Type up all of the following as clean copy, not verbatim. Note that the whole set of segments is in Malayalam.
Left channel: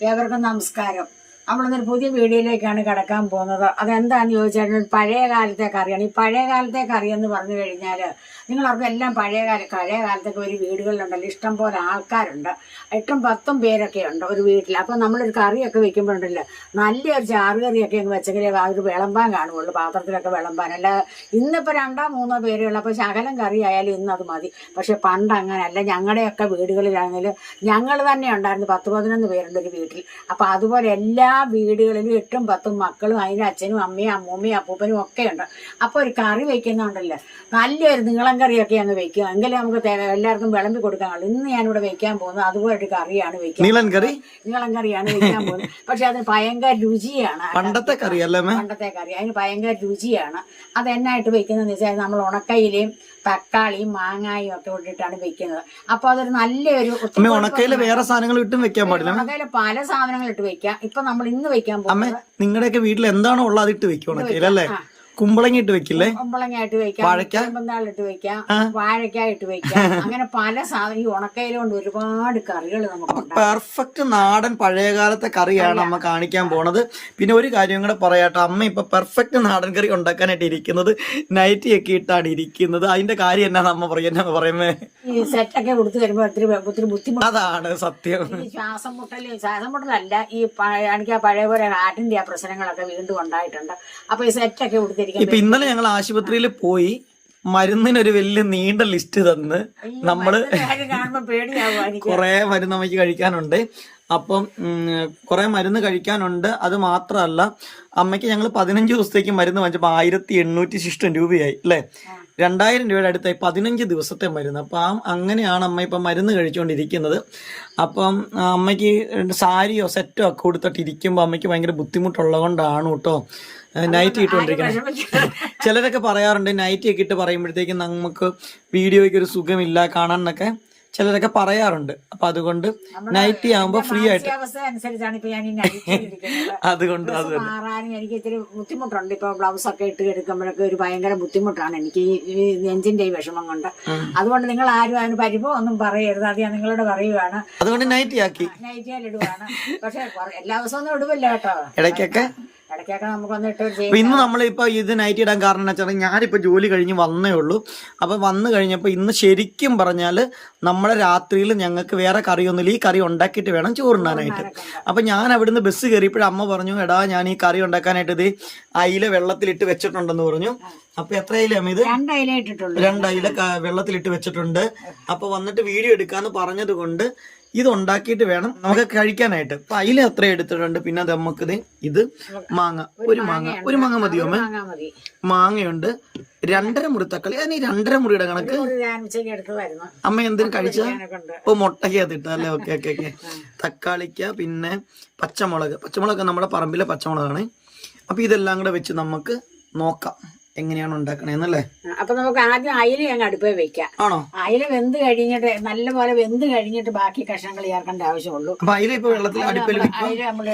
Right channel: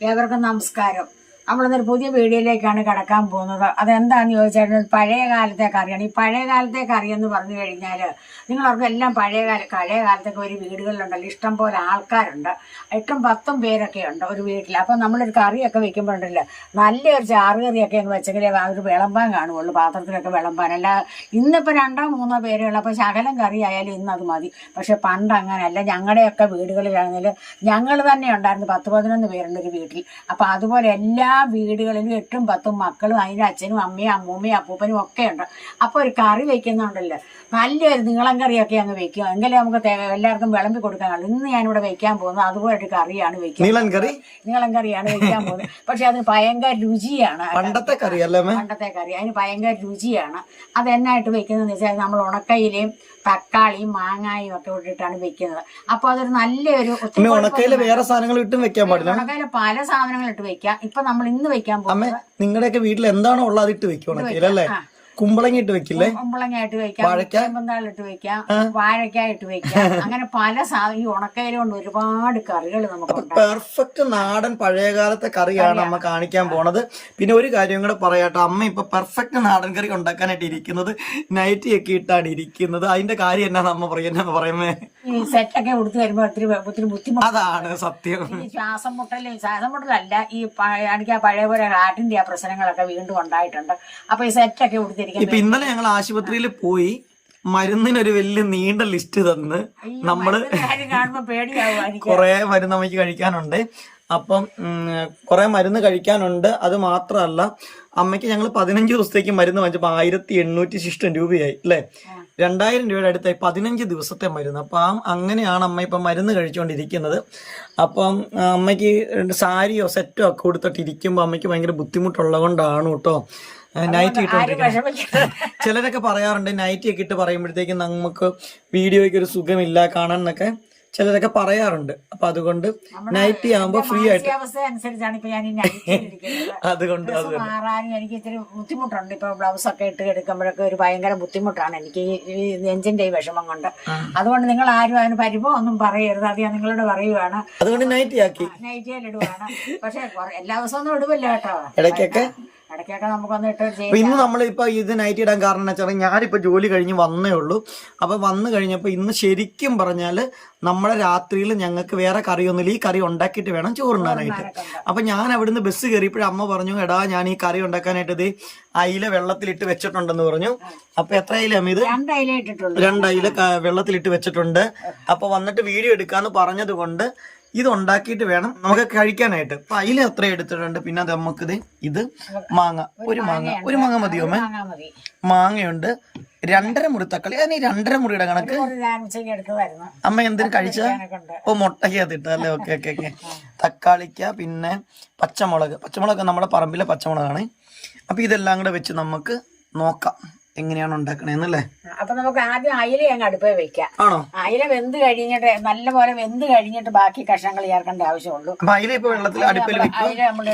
ഏവർക്കും നമസ്കാരം. നമ്മളിന്നൊരു പുതിയ വീഡിയോയിലേക്കാണ് കടക്കാൻ പോകുന്നത്. അതെന്താന്ന് ചോദിച്ചാൽ പഴയ കാലത്തെ കറിയാണ്. ഈ പഴയ കാലത്തെ കറി എന്ന് പറഞ്ഞു കഴിഞ്ഞാൽ നിങ്ങളവർക്ക് എല്ലാം പഴയ കാലത്തൊക്കെ ഒരു വീടുകളിലുണ്ടല്ലോ, ഇഷ്ടം പോലെ ആൾക്കാരുണ്ട്, 8-10 പേരൊക്കെ ഉണ്ട് ഒരു വീട്ടിൽ. അപ്പം നമ്മളൊരു കറിയൊക്കെ വെക്കുമ്പോഴുണ്ടല്ലോ, നല്ലൊരു ചാറുകറിയൊക്കെ അങ്ങ് വെച്ചെങ്കിലേ അതൊരു വിളമ്പാൻ കാണുള്ളൂ, പാത്രത്തിലൊക്കെ വിളമ്പാൻ. അല്ല ഇന്നിപ്പോൾ 2-3 പേരേ ഉള്ളൂ, അപ്പോൾ ശകലം കറി ആയാലും ഇന്ന് അത് മതി. പക്ഷെ പണ്ട് അങ്ങനെയല്ല. ഞങ്ങളുടെയൊക്കെ വീടുകളിലാണെങ്കിലും ഞങ്ങൾ തന്നെ ഉണ്ടായിരുന്നു, 10-11 പേരുണ്ട് ഒരു വീട്ടിൽ. അപ്പം അതുപോലെ എല്ലാ വീടുകളിലും 8-10 മക്കളും അതിൻ്റെ അച്ഛനും അമ്മയും അമ്മൂമ്മയും അപ്പൂപ്പനും ഒക്കെ ഉണ്ട്. അപ്പോൾ ഒരു കറി വെക്കുന്നുണ്ടല്ലോ, നല്ലൊരു നീളം കറിയൊക്കെ അങ്ങ് വെക്കുക, എങ്കിലും നമുക്ക് എല്ലാവർക്കും വിളമ്പി കൊടുക്കാനുള്ളൂ. ഇന്ന് ഞാനിവിടെ വെക്കാൻ പോകുന്നത് അതുപോലെ ഒരു കറിയാണ് വെക്കുക. നീളം കറിയാണ് വെക്കാൻ പോകുന്നത്. പക്ഷെ അതിന് ഭയങ്കര രുചിയാണ്. പണ്ടത്തെ കറി അതിന് ഭയങ്കര രുചിയാണ്. അത് എന്നായിട്ട് വെക്കുന്നതെന്ന് വെച്ചാൽ നമ്മൾ ഉണക്കയിലയും തക്കാളിയും മാങ്ങായും ഒക്കെ ഇട്ടിട്ടാണ് വെക്കുന്നത്. അപ്പൊ അതൊരു നല്ലൊരു ഉണക്കയില് വേറെ സാധനങ്ങൾ ഇട്ടും വെക്കാൻ പാടില്ല. ഉണക്കയില് പല സാധനങ്ങൾ ഇട്ട് വെക്കാം. ഇപ്പൊ നമ്മൾ ഇന്ന് വെക്കാൻ പോകുന്നത് നിങ്ങളുടെയൊക്കെ വീട്ടിൽ എന്താണോ ഉള്ളത് അതിട്ട് വെക്കും ഉണക്കയിലല്ലേ? കുമ്പളങ്ങ ഇട്ട് വെക്കില്ലേ? കുമ്പളങ്ങ ഇട്ട് വെക്കാം, ചേമ്പന്താളിട്ട് വെക്കാം, വാഴക്കായ ഇട്ട് വെക്കാം. അങ്ങനെ പല സാധനം ഈ ഉണക്കയില കൊണ്ട് ഒരുപാട് കറികൾ നമുക്ക്. പെർഫെക്റ്റ് നാടൻ പഴയകാലത്തെ കറിയാണ് അമ്മ കാണിക്കാൻ പോണത്. പിന്നെ ഒരു കാര്യം കൂടെ പറയാട്ടോ, അമ്മ ഇപ്പൊ പെർഫെക്റ്റ് നാടൻ കറി ഉണ്ടാക്കാനായിട്ട് ഇരിക്കുന്നത് നൈറ്റി ഒക്കെ ഇട്ടാണ് ഇരിക്കുന്നത്. അതിന്റെ കാര്യം എന്നാ അമ്മ പറയുന്നേ, ഈ സെറ്റൊക്കെ കൊടുത്തു വരുമ്പോ ഒത്തിരി ബുദ്ധിമുട്ട്. അതാണ് സത്യം. ശ്വാസം മുട്ടലല്ല, ഈ എനിക്ക് പഴയ പോലെ ഹാർട്ടിന്റെ ആ പ്രശ്നങ്ങളൊക്കെ വീണ്ടും ഉണ്ടായിട്ടുണ്ട്. അപ്പൊ ഈ സെറ്റൊക്കെ കൊടുത്ത് ഇപ്പൊ ഇന്നലെ ഞങ്ങൾ ആശുപത്രിയിൽ പോയി മരുന്നിനൊരു വലിയ നീണ്ട ലിസ്റ്റ് തന്ന് നമ്മള് കൊറേ മരുന്ന് അമ്മയ്ക്ക് കഴിക്കാനുണ്ട്. അപ്പം കുറെ മരുന്ന് കഴിക്കാനുണ്ട്. അത് മാത്രമല്ല, അമ്മയ്ക്ക് ഞങ്ങൾ 15 ദിവസത്തേക്ക് മരുന്ന് വാങ്ങിച്ചപ്പോൾ 1860 രൂപയായി അല്ലേ? 2000 രൂപയുടെ അടുത്തായി 15 ദിവസത്തെ മരുന്ന്. അപ്പം അങ്ങനെയാണ് അമ്മ ഇപ്പം മരുന്ന് കഴിച്ചുകൊണ്ടിരിക്കുന്നത്. അപ്പം അമ്മയ്ക്ക് സാരിയോ സെറ്റോ ഒക്കെ കൊടുത്തിട്ട് ഇരിക്കുമ്പോൾ അമ്മയ്ക്ക് ഭയങ്കര ബുദ്ധിമുട്ടുള്ളത് കൊണ്ടാണ് കേട്ടോ നൈറ്റി ഇട്ടുകൊണ്ടിരിക്കുന്നത്. ചിലരൊക്കെ പറയാറുണ്ട് നൈറ്റി ഒക്കെ ഇട്ട് പറയുമ്പോഴത്തേക്കും നമുക്ക് വീഡിയോയ്ക്ക് ഒരു സുഖമില്ല കാണാൻ എന്നൊക്കെ ചിലരൊക്കെ പറയാറുണ്ട്. അപ്പൊ അതുകൊണ്ട് നൈറ്റി ആകുമ്പോ ഫ്രീ ആയിട്ട് അതുകൊണ്ട് എനിക്ക് ഇത്തിരി ബുദ്ധിമുട്ടുണ്ട്. ഇപ്പൊ ബ്ലൗസ് ഒക്കെ ഇട്ട് എടുക്കുമ്പോഴൊക്കെ ഒരു ഭയങ്കര ബുദ്ധിമുട്ടാണ് എനിക്ക് ഈ നെഞ്ചിന്റെ ഈ വിഷമം കൊണ്ട്. അതുകൊണ്ട് നിങ്ങൾ ആരും അതിന് പരിഭവം ഒന്നും പറയരുത്, അത് ഞാൻ നിങ്ങളോട് പറയുവാണ്. അതുകൊണ്ട് നൈറ്റി ആക്കി നൈറ്റിയാലിടുവാണ്. പക്ഷെ എല്ലാ ദിവസവും ഒന്നും ഇടുവില്ല കേട്ടോ, ഇടയ്ക്കൊക്കെ നമുക്കൊന്ന് ഇട്ട്. ഇന്ന് നമ്മളിപ്പോ ഇത് നൈറ്റ് ഇടാൻ കാരണം എന്ന് വെച്ചാൽ ഞാനിപ്പോ ജോലി കഴിഞ്ഞ് വന്നേ ഉള്ളൂ. അപ്പൊ വന്നു കഴിഞ്ഞപ്പോ ഇന്ന് ശരിക്കും പറഞ്ഞാല് നമ്മളെ രാത്രിയിൽ ഞങ്ങൾക്ക് വേറെ കറിയൊന്നുമില്ല, ഈ കറി ഉണ്ടാക്കിയിട്ട് വേണം ചോറുണ്ണാനായിട്ട്. അപ്പൊ ഞാൻ അവിടുന്ന് ബസ് കയറിയപ്പോഴും അമ്മ പറഞ്ഞു, എടാ ഞാൻ ഈ കറി ഉണ്ടാക്കാനായിട്ട് ഇത് അയില വെള്ളത്തിലിട്ട് വെച്ചിട്ടുണ്ടെന്ന് പറഞ്ഞു. അപ്പൊ എത്ര അയില ഇത്? 2 അയില ഇട്ടിട്ടുള്ളൂ. 2 അയില വെള്ളത്തിലിട്ട് വെച്ചിട്ടുണ്ട്. അപ്പൊ വന്നിട്ട് വീഡിയോ എടുക്കാന്ന് പറഞ്ഞത് കൊണ്ട് ഇത് ഉണ്ടാക്കിയിട്ട് വേണം നമുക്ക് കഴിക്കാനായിട്ട്. അപ്പൊ അയില എത്ര എടുത്തിട്ടുണ്ട്. പിന്നെ അത് നമുക്ക് ഇത് മാങ്ങ, ഒരു മാങ്ങ മതിയോ അമ്മ? മാങ്ങയുണ്ട്, 2.5 മുറി തക്കാളി. അതിന് 2.5 മുറിയുടെ കണക്ക് അമ്മ എന്തിനു കഴിച്ച? ഓ മുട്ടയ്ക്കകത്തിട്ട അല്ലേ? ഓക്കെ. തക്കാളിക്ക, പിന്നെ പച്ചമുളക് നമ്മുടെ പറമ്പിലെ പച്ചമുളകാണ്. അപ്പൊ ഇതെല്ലാം കൂടെ വെച്ച് നമുക്ക് നോക്കാം എങ്ങനെയാണ് ഉണ്ടാക്കണേന്നല്ലേ. അപ്പൊ നമുക്ക് ആദ്യം അയില അങ്ങ് അടുപ്പേ വെക്കാം. ആണോ? അയില വെന്ത് കഴിഞ്ഞിട്ട് നല്ലപോലെ വെന്ത് കഴിഞ്ഞിട്ട് ബാക്കി കഷ്ണങ്ങൾ ചേർക്കേണ്ട ആവശ്യമുള്ളൂ. അയില ഇപ്പൊ വെള്ളത്തിൽ അയില നമ്മൾ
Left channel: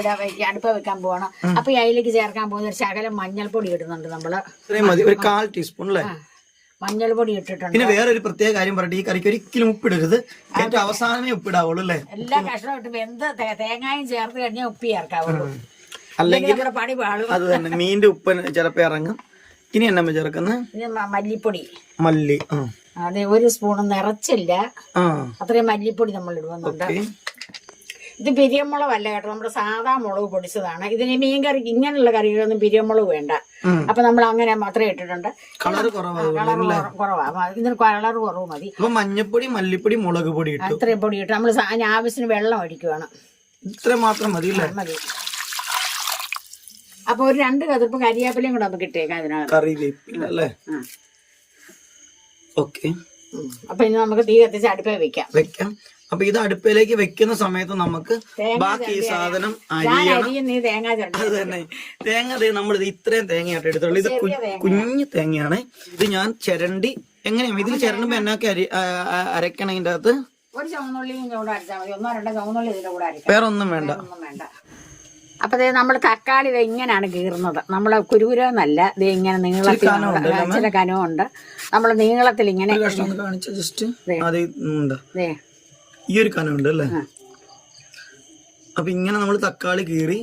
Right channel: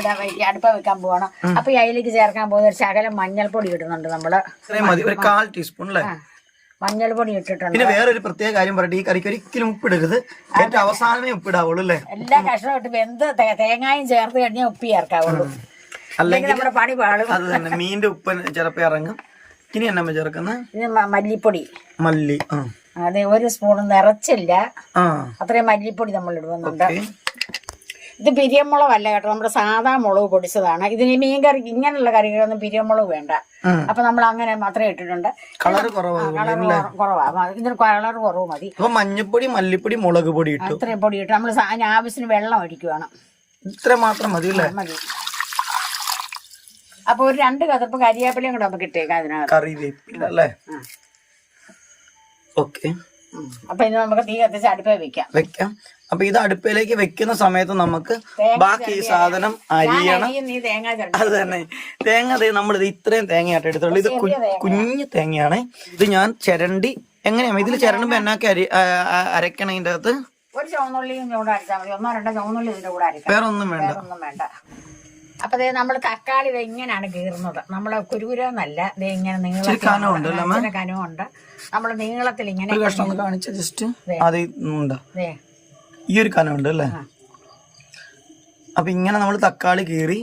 അടുപ്പ വെക്കാൻ പോവാണ്. അപ്പൊ ഈ അയിലേക്ക് ചേർക്കാൻ പോകുന്ന ഒരു ശകലം മഞ്ഞൾപ്പൊടി ഇടുന്നുണ്ട് നമ്മള്. ഒരു 1/4 ടീസ്പൂൺ അല്ലേ മഞ്ഞൾപ്പൊടി ഇട്ടിട്ടുണ്ട്. പിന്നെ വേറൊരു പ്രത്യേക കാര്യം പറയട്ടെ, ഈ കറിക്ക് ഒരിക്കലും ഉപ്പിടരുത്, ഏറ്റവും അവസാനമേ ഉപ്പിടാവുള്ളൂ അല്ലേ? എല്ലാ കഷ്ണവും ഇട്ട് വെന്ത് തേങ്ങായും ചേർത്ത് കഴിഞ്ഞാൽ ഉപ്പ് ചേർക്കാവുള്ളൂ, അല്ലെങ്കിൽ പണി പാടും. അത് തന്നെ, മീനിന്റെ ഉപ്പ് ചിലപ്പോ ഇറങ്ങും. ഇനി എന്നാ ചേർക്കുന്നത്? മല്ലിപ്പൊടി. മല്ലി അതെ, 1 സ്പൂൺ നിറച്ചില്ല, അത്രയും മല്ലിപ്പൊടി നമ്മൾ ഇടുന്നുണ്ട്. ഇത് പിരിയമുളകല്ല കേട്ടോ, നമ്മുടെ സാധാ മുളക് പൊടിച്ചതാണ്. ഇതിന് മീൻ കറി ഇങ്ങനെയുള്ള കറികളൊന്നും പിരിയമുളക് വേണ്ട. അപ്പൊ നമ്മൾ അങ്ങനെ മാത്രമേ ഇട്ടിട്ടുണ്ട്. കളർ കുറവാ, ഇതിന് കളർ കുറവ് മതി. മഞ്ഞപ്പൊടി, മല്ലിപ്പൊടി, മുളക് പൊടി ഇട്ടു, ഇത്രയും പൊടി ഇട്ടു. നമ്മൾ ആവശ്യത്തിന് വെള്ളം ഒഴിക്കുവാണ്. ഇത്ര മാത്രം മതി അല്ലേ? മതി. അപ്പൊ ഒരു 2 കതിർപ്പ് കരിയാപ്പിലയും കൂടെ നമുക്ക് ഇട്ടേക്കാം അതിനകത്ത്. കറിവേപ്പില അല്ലേ? ഓക്കെ. അപ്പൊ ഇനി നമുക്ക് തീ കത്തിച്ച് അടുപ്പേ വെക്കാം. അപ്പൊ ഇത് അടുപ്പിലേക്ക് വെക്കുന്ന സമയത്ത് നമുക്ക് ബാക്കി ഈ സാധനം അരിയണം. അത് തന്നെ, തേങ്ങ നമ്മളിത് ഇത്രയും തേങ്ങയായിട്ട് എടുത്തുള്ളൂ. ഇത് കുഞ്ഞു തേങ്ങയാണ്. ഇത് ഞാൻ ചിരണ്ടി എങ്ങനെയാണ് ഇതിൽ ചിരണ്ടുമ്പോ എന്നാക്കി അരക്കണം? ഇതിന്റെ അകത്ത് ഒരു ചുവന്നുള്ളിയും കൂടെ അരച്ചാൽ മതി, 1-2 ചുവന്നുള്ളി ഇതിന്റെ കൂടെ അരക്കാം, വേറെ ഒന്നും വേണ്ട. അപ്പൊ നമ്മൾ തക്കാളി ഇങ്ങനെയാണ് കീറുന്നത്. നമ്മള് കുരുകുരെന്നല്ല, ഇത് ഇങ്ങനെ നീളത്തിൽ കനവുണ്ട്. നമ്മൾ നീളത്തിൽ ഇങ്ങനെ ഈ ഒരു കനമുണ്ട് അല്ലേ? അപ്പൊ ഇങ്ങനെ നമ്മൾ തക്കാളി കീറി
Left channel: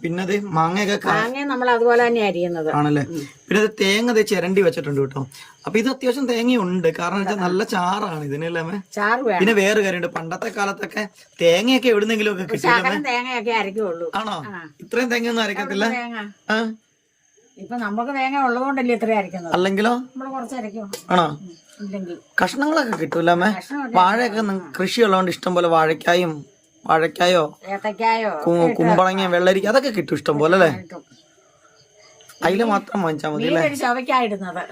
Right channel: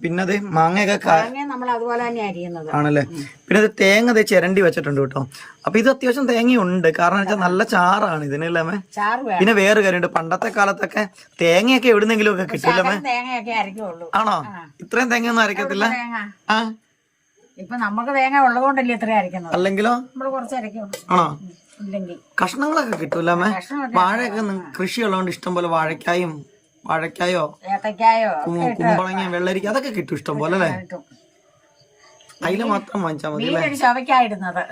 പിന്നെ അത് മാങ്ങയൊക്കെ നമ്മൾ അതുപോലെ തന്നെ അരിയുന്നത് ആണല്ലേ. പിന്നെ അത് തേങ്ങ ചിരണ്ടി വെച്ചിട്ടുണ്ട് കേട്ടോ. അപ്പൊ ഇത് അത്യാവശ്യം തേങ്ങയുണ്ട്, കാരണം വെച്ചാൽ നല്ല ചാറാണ് ഇതിനല്ലേ. പിന്നെ വേറെ കാര്യമുണ്ട്, പണ്ടത്തെ കാലത്തൊക്കെ തേങ്ങയൊക്കെ എവിടുന്നെങ്കിലും ഒക്കെ കിട്ടില്ലേ? തേങ്ങയൊക്കെ അരക്കുള്ളൂ. ആണോ? ഇത്രയും തേങ്ങ ഒന്നും അരക്കത്തില്ല. ആ ഇപ്പൊ നമുക്ക് തേങ്ങ ഉള്ളതുകൊണ്ടല്ലേ ഇത്ര അരക്കുന്നത്. അല്ലെങ്കിലോ നമ്മള് കുറച്ച് അരക്കും. ആണോ? ഇല്ലെങ്കിൽ കഷ്ണങ്ങളൊക്കെ കിട്ടൂല അമ്മേ. വാഴയൊക്കെ കൃഷി ഉള്ളതുകൊണ്ട് ഇഷ്ടം പോലെ വാഴക്കായോ ഏത്തക്കായോ കുമ്പളങ്ങ വെള്ളരിക്ക അതൊക്കെ കിട്ടും ഇഷ്ടം പോലെ അല്ലേ. അതില് മാത്രം വാങ്ങിച്ചാൽ മതി അല്ലേ. ചവയ്ക്കായിടുന്നത്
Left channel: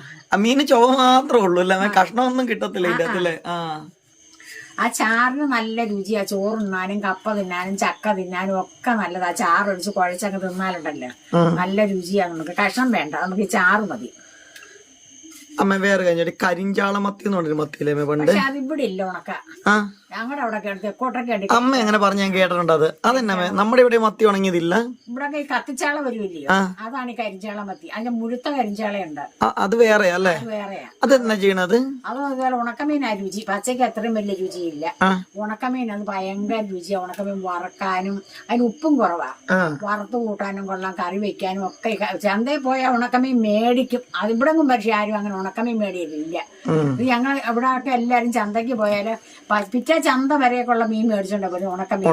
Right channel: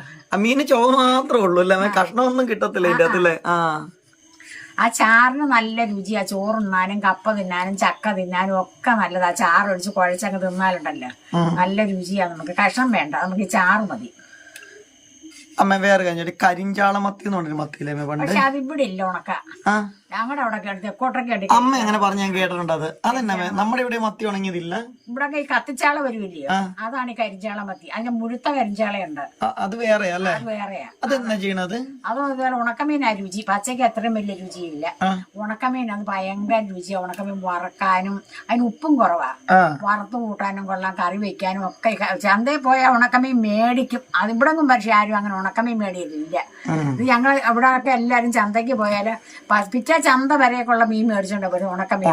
മീന് ചൊവ്വ മാത്രമേ ഉള്ളൂ അല്ലേ, കഷ്ണമൊന്നും കിട്ടത്തില്ല ഇതിന്റെ അകത്തല്ലേ. ആ ചാറിന് നല്ല രുചിയാ. ചോറുണ്ണാനും കപ്പ തിന്നാനും ചക്ക തിന്നാനും ഒക്കെ നല്ലതാ. ചാറൊഴിച്ച് കുഴച്ചങ്ങ് തിന്നാലുണ്ടല്ലോ നല്ല രുചിയാ. നമുക്ക് കഷ്ണം വേണ്ട, നമുക്ക് ഈ ചാറ് മതി. അമ്മ വേറെ കഴിഞ്ഞ കരിഞ്ചാള മത്തി എന്ന് പറഞ്ഞൊരു മത്തിയില്ലേ പണ്ട്? അതിവിടെ ഇല്ല ഉണക്ക. ഞങ്ങളുടെ അവിടെ തെക്കോട്ടൊക്കെ അമ്മ എങ്ങനെ പറഞ്ഞ് ഞാൻ കേട്ടിട്ടുണ്ട്. അതെന്നെ നമ്മുടെ ഇവിടെ മത്തി ഉണങ്ങിയതില്ല. ഇവിടെ ഈ കത്തിച്ചാള വരുമില്ലയോ, അതാണ് ഈ കരിഞ്ചാള മത്തി. അതിന്റെ മുഴുത്ത കരിഞ്ചാളയുണ്ട്, അത് വേറെയാ അല്ലേ? വേറെയാ. അതെന്നാ ചെയ്യണത്? അതും ഇതുപോലെ ഉണക്കമീനാ രുചി. പച്ചയ്ക്ക് അത്രയും വലിയ രുചിയില്ല. ഉണക്കമീൻ അത് ഭയങ്കര രുചിയാ. ഉണക്കമീൻ വറക്കാനും അതിന് ഉപ്പും കുറവാ. വറുത്ത് കൂട്ടാനും കൊള്ളാം, കറി വെക്കാനും ഒക്കെ. ചന്തയിൽ പോയാൽ ഉണക്കമീൻ മേടിക്കും. അതിവിടെങ്ങും പക്ഷെ ആരും അങ്ങനെ ഉണക്കമീൻ മേടിയില്ല. ഇത് ഞങ്ങൾ ഇവിടെ ഒക്കെ എല്ലാരും ചന്തയ്ക്ക് പോയാല് പിറ്റേ ചന്ത വരെയൊക്കെയുള്ള മീൻ മേടിച്ചോണ്ട് പോലും ഉണക്കമീൻ.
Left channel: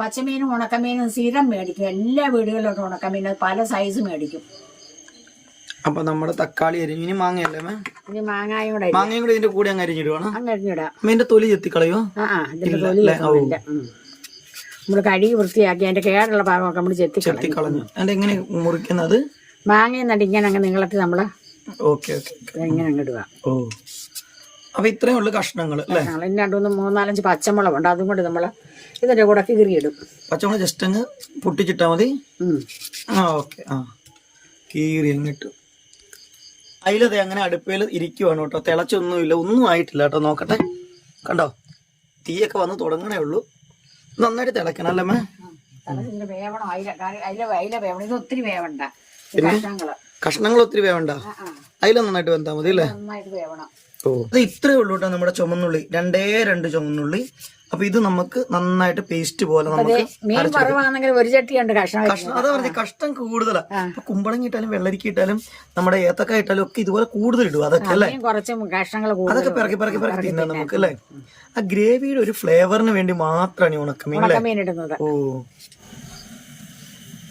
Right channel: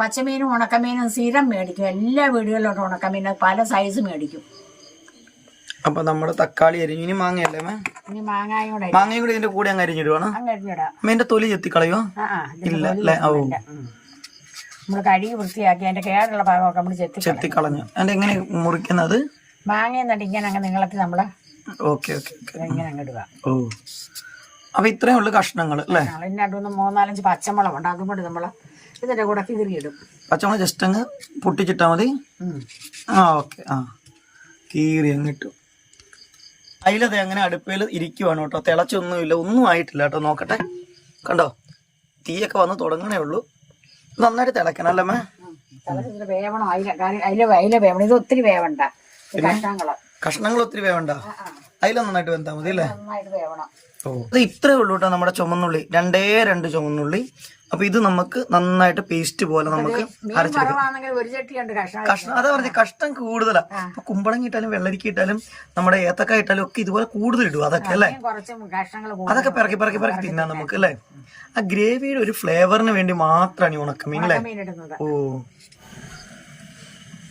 പച്ചമീനും ഉണക്കമീനും സ്ഥിരം മേടിക്കും. എല്ലാ വീടുകളിലും ഉണക്കമീൻ പല സൈസ് മേടിക്കും. അപ്പൊ നമ്മുടെ തക്കാളി അരിഞ്ഞു. ഇനി മാങ്ങയല്ലേ? ഇനി മാങ്ങയും കൂടെ ഇതിന്റെ കൂടെ അങ്ങ് അരിഞ്ഞിടുവാണ്. അരിഞ്ഞിടാം. മീന്റെ തൊലി ചെത്തിക്കളയോ? ഇല്ല അല്ലേ. നമ്മള് കഴുകി വൃത്തിയാക്കി അതിന്റെ കേടുള്ള ഭാഗമൊക്കെ നമ്മള് ചെത്തിക്കളഞ്ഞു. അതിന്റെ എങ്ങനെ മുറിക്കുന്നത്? മാങ്ങയും നടിക്കാൻ അങ്ങ് നീളത്തിൽ നമ്മള് ഇങ്ങനെ അങ്ങിടുക. ഓ, അപ്പൊ ഇത്രയും ഉള്ളു കഷ്ണങ്ങൾ അല്ലേ? രണ്ടു 3-4 പച്ചമുളക് ഉണ്ട്, അതും കൊണ്ട് നമ്മള് ഇതിന്റെ കൂടെ കീറിയിടും. പച്ചമുളക് ജസ്റ്റ് അങ്ങ് പൊട്ടിച്ചിട്ടാ മതി. ഓക്കെ. കീറി അങ്ങിട്ടു. അതിലത് അങ്ങനെ അടുപ്പയിൽ ഇരിക്കുവാണ് കേട്ടോ. തിളച്ചൊന്നുമില്ല, ഒന്നും ആയിട്ടില്ല കേട്ടോ. നോക്കട്ടെ, കണ്ടോ? തീയൊക്കെ വന്ന് തുടങ്ങണേ ഉള്ളൂ. നന്നായിട്ട് തിളക്കണം അല്ലേ? വേവണം. അതിലെ വേവണം. ഇത് ഒത്തിരി വേവണ്ട. കഷ്ണങ്ങൾ ഒത്തിരി വേവണ്ട, അതിൽ നന്നായിട്ട് വെന്താ മതി അല്ലേ? ഓ, അത് ഇത്രേ ഉള്ളൂ കേട്ടോ നമ്മുടെ ചുമന്നുള്ളി. 2 ചുമന്നുള്ളി. അപ്പൊ ഇത് നമുക്ക് നന്നായിട്ട് പേസ്റ്റ് പോലെ നമുക്ക് കഷ്ണം. അതാ പറഞ്ഞ കഷ്ണം കൂടുതലാ. അപ്പൊ കുമ്പളങ്ങ ഇട്ടാലും വെള്ളരിക്ക ഇട്ടാലും നമ്മുടെ ഏത്തക്കായ ഇട്ടാലും ഒക്കെ ഇതുപോലെ കൂടുതൽ ഇടും. അതൊക്കെ അല്ലേ? അതൊക്കെ പിറക്കി തിന്നാം നമുക്ക് അല്ലേ? ആ ഗ്രേവിയുടെ ഒരു ഫ്ലേവറിന് വേണ്ടി മാത്രമാണ് ഈ ഉണക്കമീൻ അല്ലേ? ഓ,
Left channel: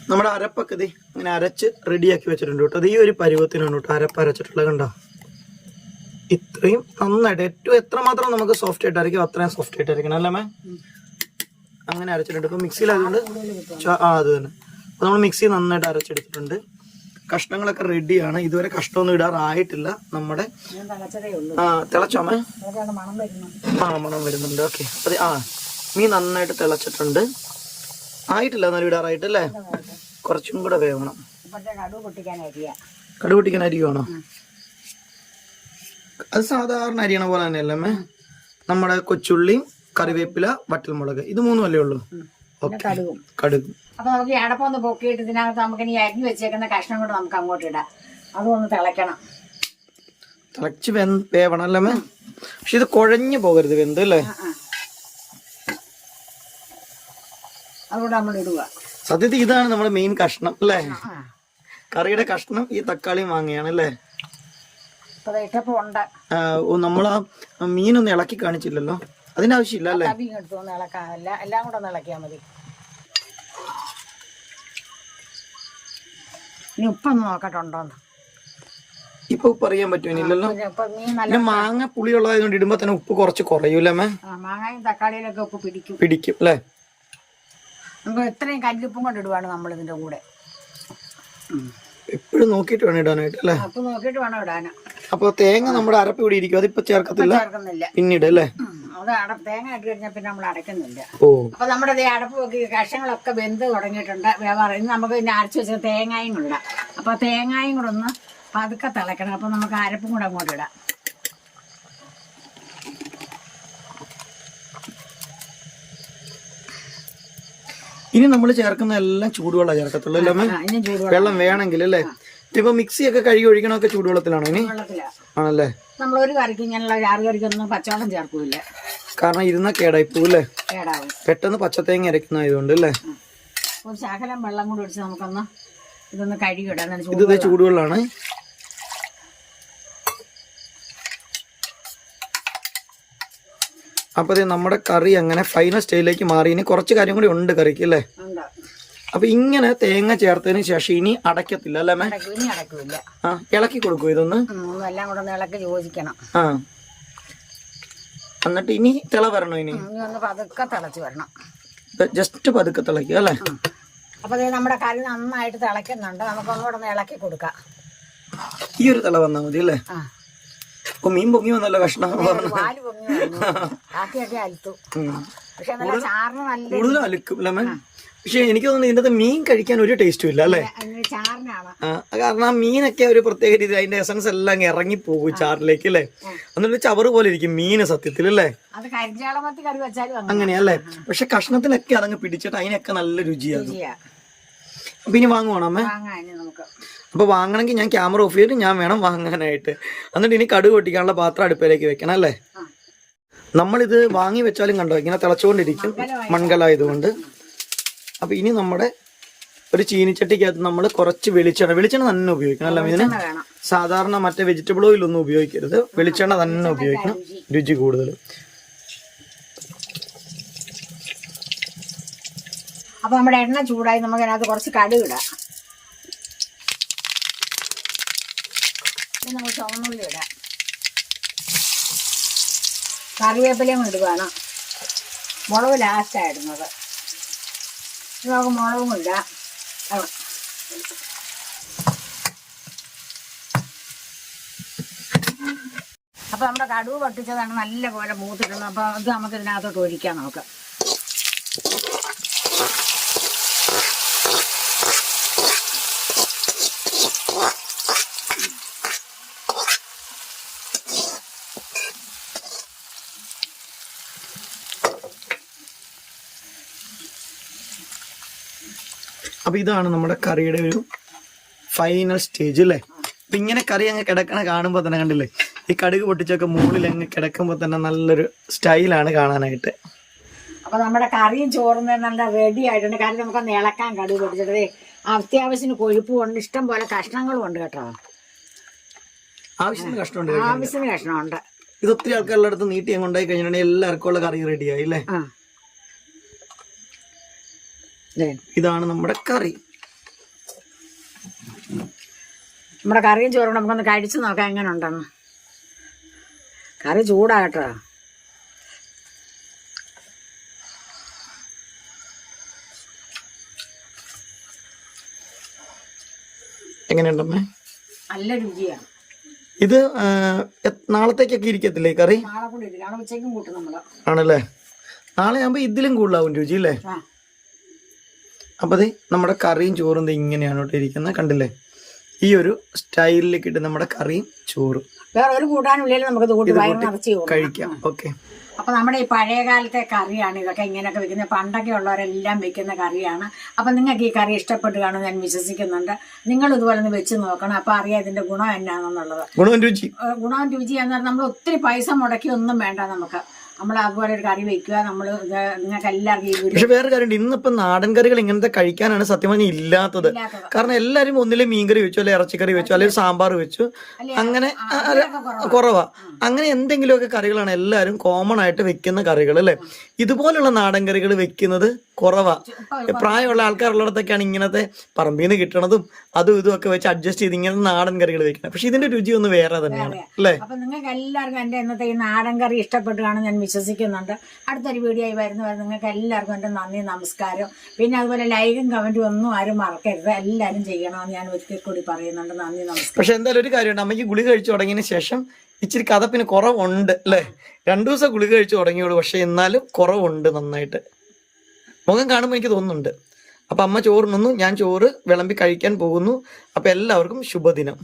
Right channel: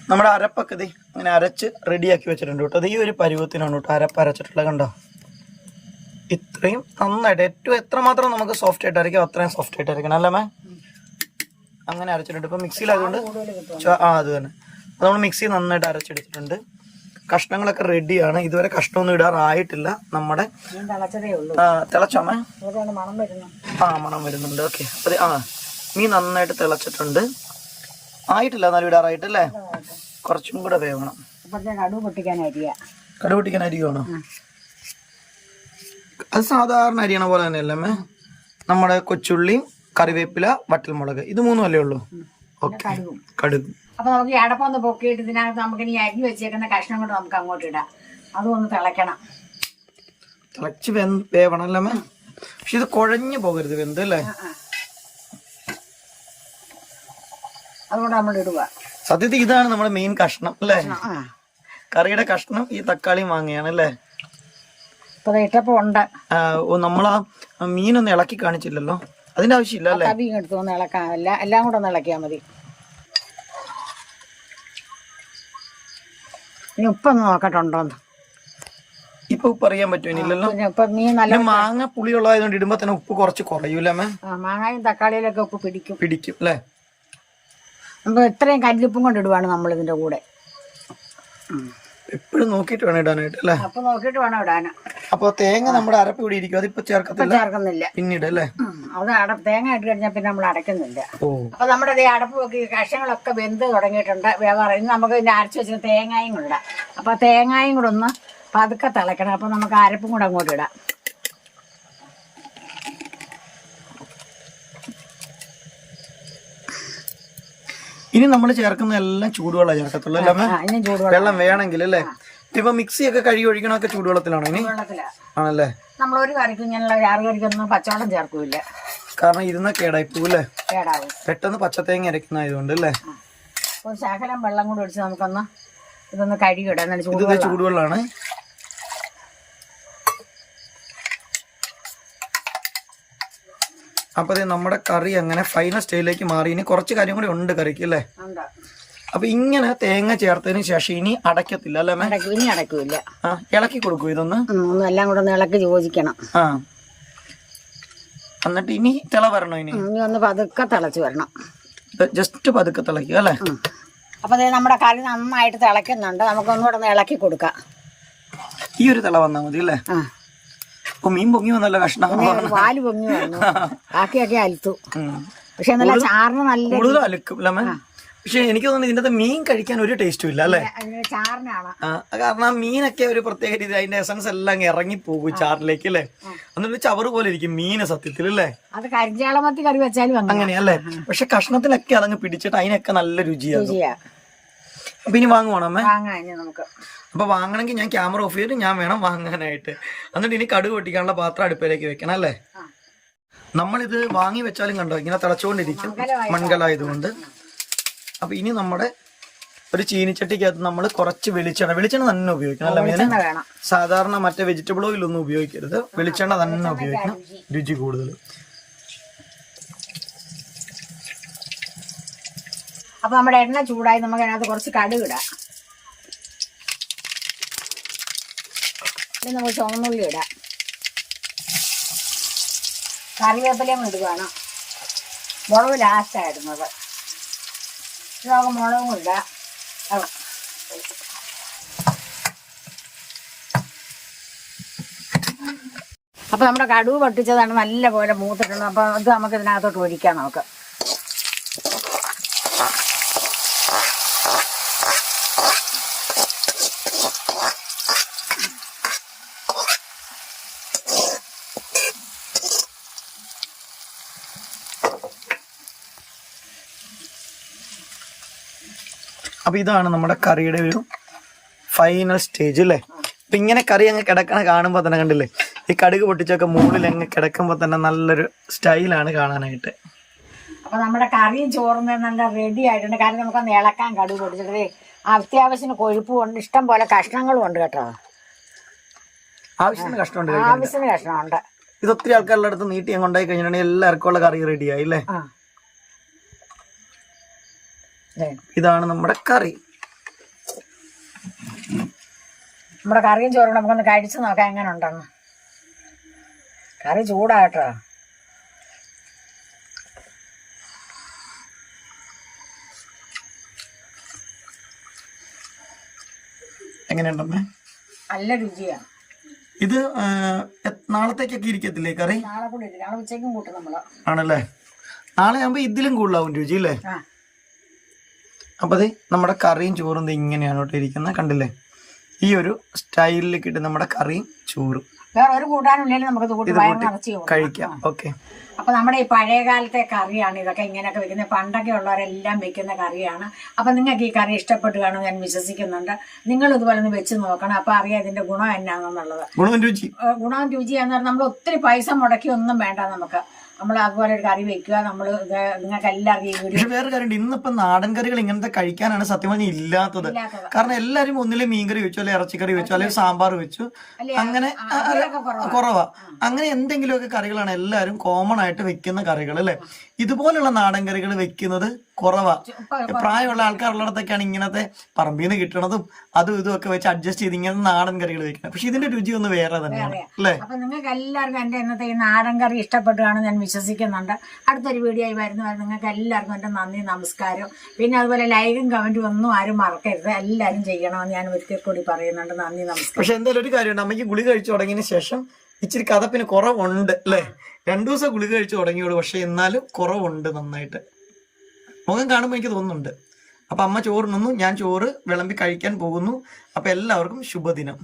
നമ്മുടെ അരപ്പൊക്കെ ഇത് അങ്ങനെ അരച്ച് റെഡിയാക്കി വെച്ചിട്ടുണ്ട് കേട്ടോ. അത് ഈ ഒരു പരുവത്തിനാണ് കേട്ടോ അരപ്പ് അരച്ചിട്ടുള്ളത്. കണ്ടോ? ഇത്രയും നന്നായിട്ട് ഏറ്റവും എത്രമാത്രം നമുക്ക് സോഫ്റ്റ് ആയിട്ട് അരയ്ക്കും അത്രയും സോഫ്റ്റ് ആയിട്ട് അരയ്ക്കണം അല്ലേ മേ? അങ്ങനെ അരച്ചിട്ടുണ്ട്. ഇപ്പൊ മിക്സിയിലായതുകൊണ്ട് അത് തന്നെ. അപ്പൊ നമ്മൾ മിക്സി നന്നായിട്ട് അരച്ചെടുത്തിട്ടുണ്ട്. കഷ്ണങ്ങളൊക്കെ റെഡിയാണ്. ഇതുവരെ കഷ്ണമൊന്നും ഇടാറായിട്ടില്ല. നമ്മുടെ തിളച്ചോമേ? മണം വരുന്നുണ്ട്. ഓക്കെ. അതെ, മീൻ നന്നായിട്ട് തിളച്ചിട്ടുണ്ട്. ആയിട്ടില്ല, എന്നാലും ഇടാറായിട്ടല്ലേ? കുറച്ചും കൂടെ വേവണം. കടുക് പൊട്ടിക്കാൻ അരിയാണോ? അത് സാധാരണ അരിയണ പോലെ തന്നെയല്ലേ അമ്മേ? നമ്മുടെ കൊച്ചുള്ളിയും കറിവേപ്പില വറ്റൽമുളക് ഇത് 3 അല്ലേ ഉള്ളൂ? ഓക്കെ. കടുക്. അപ്പൊ നമുക്ക് അടപ്പൊന്ന് പൊക്കിയിട്ട് ഇതിനകത്ത് നമുക്ക് ഇനി അരിഞ്ഞു വെച്ചേക്കുന്ന കഷ്ണം കൊണ്ട് നമുക്ക് അങ്ങോട്ട് ഇടാം. അതൊന്ന് തിളക്കണം. തിളച്ച് വേവണം അല്ലേ അമ്മേ? പക്ഷെ ഇത് കുഴഞ്ഞു പോകരുത്, വെന്ത് അല്ലേ? അതുകൊണ്ട് നമ്മൾ ഇടുക. സത്യത്തിൽ ഇതാണ് നമ്മുടെ മെയിൻ കഷ്ണം അല്ലേ? കറിയുടെ കഷ്ണം ഈ തക്കാളി മാങ്ങയാണ് അല്ലേ? നമ്മളാ മീനൊന്നും ഇളക്കി കാണിച്ചില്ലല്ലോ, അതിന്റെ ആവശ്യമില്ല അല്ലേ? എല്ലാം കൂടെ ഒന്ന് ഇളക്കിയാൽ മതി. ഇനി ഉപ്പൊന്ന് നോക്കട്ടുണ്ടോന്ന്. ഇപ്പൊ ഉപ്പ് അറിയാൻ പറ്റുമല്ലോ. മാങ്ങ പുളിയുള്ളതായതുകൊണ്ട് ഇടുമ്പോ തന്നെ ഉപ്പ് കുറച്ച് കുറയൂല്ലേ? മാങ്ങയും തക്കാളിയിലൊക്കെ ഉപ്പ് പിടിക്കും അല്ലേ? നമുക്ക് ഇത്രയും കല്ലുപ്പും കൊണ്ട് ഇടുവാണ് നമ്മൾ ഇതിന്റെ കൂടെ. എപ്പോഴും നോക്കിട്ട് വേണം ഇടാനായിട്ട് അല്ലേ? അപ്പൊ നോക്കിട്ട് വേണം ഇടാൻ. അപ്പൊ തേങ്ങ നമ്മുടെ അരപ്പ് ഇവിടെ ഇരിക്കും, അതിപ്പോ ചേർക്കത്തില്ല? പിന്നീട് അല്ലേ? അത് തേങ്ങ ഇട്ട് കഴിഞ്ഞാൽ പിന്നെ നമ്മൾ അടയ്ക്കുന്നില്ല. അപ്പൊ നമ്മുടെ അടപ്പ് നോക്കി കഷ്ണങ്ങളൊക്കെ വെന്ത് തുടങ്ങിയിട്ടുണ്ട്. ഇനി നമുക്ക് ഇതിന്റെ അരച്ച് വെച്ചിട്ട് തേങ്ങയും കൂടെ ഇടാം. അപ്പൊ തേങ്ങയും കൂടെ ഒന്ന് പതുക്കെ തിളക്കണം. അപ്പൊ നമുക്ക് അരപ്പും കൂടെ അങ്ങോട്ട് ഇടാം. ഇനി നമ്മൾ ചേർക്കുന്ന എല്ലാം ചൂടുവെള്ളം ചേർക്കത്തുള്ളൂ അല്ലേ അമ്മേ? ഇനി ചൂടുവെള്ളം വെള്ളം വേണമെങ്കിൽ അല്ലേ? ഇപ്പൊ മിക്സി ഒക്കെ കഴുകി ഒഴിക്കണമൊക്കെ ചൂടുവെള്ളത്തിലാണോ ഇനി? വെള്ളത്തിലാണ്. ആണല്ലേ? നമ്മൾ ഒരു കറിക്ക് ഇങ്ങനെയുള്ള ചാറ് കറിക്കൊന്നും പച്ചവെള്ളം ചേർക്കൂല, കാരണം ഇരുന്ന കേടായി പോവല്ലേ? കേടാവും. പെട്ടെന്ന് പച്ചത്തേങ്ങ അരക്കുന്നതായതുകൊണ്ട് അല്ലേ? ഒരു ശകലം വെള്ളം കൂടെ ഒഴിച്ച് നമുക്കൊന്ന് ഇതൊന്ന് കഴുകിയിടാം. ഇത് ചൂടുവെള്ളമാണ്. അപ്പൊ നമ്മുടെ കറി അങ്ങനെ ഫൈനൽ സ്റ്റേജിലേക്ക് മാറി. ഇനി കുറച്ച് കാര്യം കൂടി ഉണ്ട് കറിക്ക് അല്ലേ? അപ്പൊ ഇങ്ങനെ തേങ്ങ ചേർത്തതിന് ശേഷം ഇനി അടയ്ക്കത്തില്ല അല്ലേ മേ? ഇനി അടയ്ക്കൂല. ഇളക്കി കൊടുക്കും ഇതൊന്ന് എല്ലാം കൂടെ ഒന്ന് ഇളക്കി യോജിക്കണം. എന്നിട്ട് ഇനി തിള വരണോ? ഇനി ഒന്ന് പതുക്കെ തിളച്ച് വരണം. ജസ്റ്റ് പതുക്കെ തിളക്കുക അല്ലേ? അപ്പൊ നമ്മുടെ കറി നന്നായിട്ട് തിളയ്ക്കുന്നുണ്ട്. നമുക്ക് ഒന്നുകൂടെ ഒന്ന് ഇളക്കി കൊടുക്കാം. ഈ ഒരു തിള വന്നാൽ മതി അല്ലേ? അപ്പൊ മീൻ പൊങ്ങി വന്നല്ലോ, കഷ്ണം പാല് പൊങ്ങി വന്നു, ആക്കിയൊക്കെ അലുത്തു. പക്ഷെ ചാറിന് നല്ല കൂടുതൽ അലുക്കും അല്ലേ മേ? പക്ഷെ എനിക്ക് തോന്നുന്നു ഇതിന്റെ മീൻ കഴിക്കാൻ ഒരു ടേസ്റ്റും ഇല്ല അല്ലേ? ചാറിനാണ്. കാരണം ആ മീനൊക്കെ ഒരു പ്രത്യേക രീതി, അതിന്റെ എസൻസ് എല്ലാം അങ്ങ് ഇറങ്ങിപ്പോകും ചാറിലേക്ക് അല്ലേ? എന്നിട്ട് ചവറ് പോലെ ഇരിക്കും മീന് സത്യത്തിൽ അല്ലേ? അത് കരിഞ്ചേളമത്തി കറി വെച്ചാലും അങ്ങനെയല്ലേ? പക്ഷെ കഷ്ണത്തിലൊക്കെ അതങ്ങ് പിടിച്ചിട്ട് അതിനൊക്കെ നല്ല രുചിയാകും. അപ്പൊ ഇനി വാങ്ങുവാണോ അമ്മേ? അപ്പൊ വാങ്ങണമെങ്കിൽ ഞാൻ ക്യാമറ ഓഫ് ചെയ്തിട്ട് ഞാൻ വേണം വാങ്ങാനായിട്ട്. എന്നിട്ട് ഇനി കടുക് പൊട്ടിക്കാനുള്ള പാത്രം അടുപ്പിലേക്ക് വെക്കണം അല്ലേ? നമ്മളിത് വാങ്ങി വെച്ചാലും കണ്ടോ ഇങ്ങനെ തിളച്ചുകൊണ്ടിരിക്കും, മൺകലായതുകൊണ്ട്. അപ്പൊ ഇനി നമ്മുടെ ഒരു ചീനിച്ചട്ടിക്കകത്ത് നമ്മൾ കുറച്ച് വെളിച്ചെണ്ണ തന്നെ ഉപയോഗിക്കണം അല്ല മീന്? സാധാരണ മറ്റേ വെജിറ്റബിൾ ഓയിൽ ഒന്നും ഉപയോഗിക്കരുത്, വെളിച്ചെണ്ണ തന്നെ ഉപയോഗിക്കണം, രുചി കൂടുതൽ. അപ്പൊ നമ്മുടെ എണ്ണ ചൂടായി, നമുക്ക് അതിനകത്ത് കുറച്ച് കടുക് ഇടാം. നമുക്ക് ചുവന്നുള്ളി ഇടാം, കറിവേപ്പിലയും ഇടുകയാണ്. മുളക് ലാസ്റ്റാണ് ഇടുന്നത്. നമുക്ക് മുളകും ഇടാം. അപ്പൊ നമ്മുടെ കടുക് പൊട്ടിച്ചതാണ് നല്ല പോലെ മൂത്തിടുന്നത്. അപ്പൊ അത് നമുക്ക് ഇതിനകത്തോട്ട് ഒഴിക്കാം. നമുക്ക് അപ്പൊ ഇതാണ് നമ്മുടെ കറിയുടെ ഒരു ഫൈനൽ സ്റ്റേജ് അല്ലേ? അപ്പൊ ഇങ്ങനെ കറി അങ്ങ് കിടക്കണ കാണുമ്പോ തന്നെ കണ്ടില്ലേ, ഈ കടുക് പൊട്ടിച്ചൊക്കെ മുകളിൽ അങ്ങ് കിടക്കുമ്പോ തന്നെ നല്ലൊരു സ്റ്റൈലാണ് കാണാനായിട്ട്. അപ്പൊ നമ്മുടെ കറിയും ചോറും നല്ല റെഡി ആയിട്ടുണ്ട്. കാരണം നമുക്കൊന്ന് ഇളക്കാൻ കടുക് പൊട്ടിച്ചിട്ട് അത്യാവശ്യത്തിന് കൊഴുപ്പ് കൊണ്ട് ഇഷ്ടം പോലെ കഷ്ണങ്ങളും ഉണ്ട് കേട്ടോ. ആവശ്യത്തിന് കഷ്ണമുണ്ട്, ആവശ്യത്തിന് കഷ്ണമുണ്ട്. ഇത് ഒത്തിരി ആൾക്കാരുടെ അടുത്ത് നീട്ടി അങ്ങ് ഉണ്ടായി കഴിഞ്ഞിട്ടുണ്ടെങ്കിൽ എല്ലാവർക്കും ഉള്ള കറി റെഡിയായി അല്ലേ? ഇതാണ് നമ്മുടെ കറി. നമ്മുടെ കറിയും ചോറും നമുക്കൊന്ന് കഴിച്ചു നോക്കാം എങ്ങനെ ഉണ്ടെന്ന്. കറി ചൂടാട്ടോ. എങ്ങനെയുണ്ടമ്മേ? നല്ല രുചിയാണ്. ഇത് നാളത്തേക്കൊക്കെ ഇരിക്കത്തില്ലേ കറി? നാളെ കൂടെ ഇരിക്കും, നാളെ ഉച്ചയ്ക്കും കൂട്ടും നമ്മള്. ആണല്ലേ? നാളെ ആകുമ്പോ ഇതിലും കൂടുതലാവും രുചി അല്ലേ? അപ്പൊ അതെ നമ്മുടെ കറിയും ചോറും ഇങ്ങനെയാണ് കേട്ടോ ഇരിക്കുന്നത്, കണ്ടില്ലേ? ഈ ഒരു സ്റ്റൈലിലേക്ക് ഇട്ട് നമ്മുടെ കറിയും ചോറും വേറെ ഒരു കൂട്ടാനും ഇല്ലെങ്കിൽ നമുക്ക് കഴിക്കാം. ഓക്കെ. അപ്പൊ നമ്മുടെ ഈ പഴയ കാലത്തെ കറിയാണ് ഇതൊക്കെ, ഇങ്ങനെയൊക്കെ വെക്കുന്നത്. പണ്ടൊക്കെ ഉള്ളവരെല്ലാം വെക്കുന്ന കറിയാണ്. അപ്പൊ നിങ്ങൾക്ക് ഈ കറി ഇഷ്ടപ്പെട്ട് കാണുമെന്ന് ഞാൻ വിശ്വസിക്കുന്നുണ്ട്. നിങ്ങൾ ഇതുപോലെ ഒന്ന് വെച്ച് നോക്കണം. അപ്പൊ അറിയാം ഇതിന്റെ ഗുണം എന്നാണെന്നുള്ളത്. ഗുണവും രുചി എന്ന് പറഞ്ഞാൽ നമ്മൾ ഒത്തിരി പൈസ മുടക്കി ഒന്നും വേണ്ട. നമുക്ക് നമ്മൾ അതുപോലെ ഒരു കറി വെക്കുക. നമ്മൾ നിങ്ങൾക്ക് എല്ലാവർക്കും. പക്ഷെ വേറെ കാര്യം, ഇന്നിപ്പോ നാടൻ കറികൾ ഇങ്ങനത്തെ കഴിക്കാനാണ് സത്യം പറഞ്ഞാൽ ഇല്ലാത്തത്. കാരണം എല്ലാരും ഒന്നിലെ മീൻകറി വെച്ചു, അല്ലെങ്കിൽ ഇറച്ചിക്കറി വെച്ചു, അല്ലെങ്കിൽ സാമ്പാർ വെച്ചു, അങ്ങനെ കുറവാ. അങ്ങനെ എന്തെങ്കിലുമൊക്കെ കറികളാണ് എല്ലാരും കോമൺ ആയിട്ട് വെക്കുന്ന കറികൾ അല്ലെ. ഇതുപോലുള്ള നാടൻ കറികൾ വെക്കുന്നത് കുറവാ. പ്രായമുള്ള ആൾക്കാരുള്ളിടത്തൊക്കെയാണ് ഇങ്ങനത്തെ പറമ്പിൽ നിന്ന് കിട്ടണതും അതും ഇതും ഒക്കെ വെച്ച് അഡ്ജസ്റ്റ് ചെയ്ത് ഇങ്ങനത്തെ നാടൻ കറികൾ വെക്കുന്നത്. പക്ഷെ ഇതിന്റെ രുചി ഒന്ന് വേറെ തന്നെയാണ് അല്ലേ? അപ്പൊ നിങ്ങൾക്ക് എല്ലാവർക്കും എന്റെ ഇന്നത്തെ ഈ നാടൻ കറി ഇഷ്ടപ്പെട്ടാണ് ഞാൻ വിശ്വസിക്കുന്നുണ്ട്. അടുത്തൊരു വീഡിയോ ആയി വരുന്നവരെ നിങ്ങൾക്ക് എല്ലാവർക്കും എൻ്റെ നന്ദി, നമസ്കാരം. പിന്നെ അതുപോലെ ലൈക്കും കമന്റും ഒന്നും ആരും മറക്കരുത്, എല്ലാവരും ചെയ്യണമെന്ന് ഞാൻ ഒരിക്കൽ കൂടി പറയുന്നുണ്ട്. നന്ദി, നമസ്കാരം. പക്ഷെ എന്തായാലും ഒരു കാര്യമുണ്ട്, അമ്മയ്ക്ക് ഗുളിക കഴിച്ചു തുടങ്ങിയതിന് ശേഷം ഇച്ചിരി കഥപ്പിന് കുറവുണ്ട് അല്ലേ? 2 ദിവസം ഗുളിക കഴിച്ചു തുടങ്ങിയോളൂ, പക്ഷെ എന്നാലും കുറവുണ്ട് നന്നായിട്ട്. മുഖം കാണുമ്പോൾ എനിക്ക് തോന്നുന്നുണ്ട്. അപ്പൊ അമ്മ ചോറുണ്ണുന്നു, ഞാൻ ചോറ് വിളമ്പി കഴിക്കാൻ പോകുന്നു. അപ്പൊ എല്ലാവർക്കും ശുഭദിനം.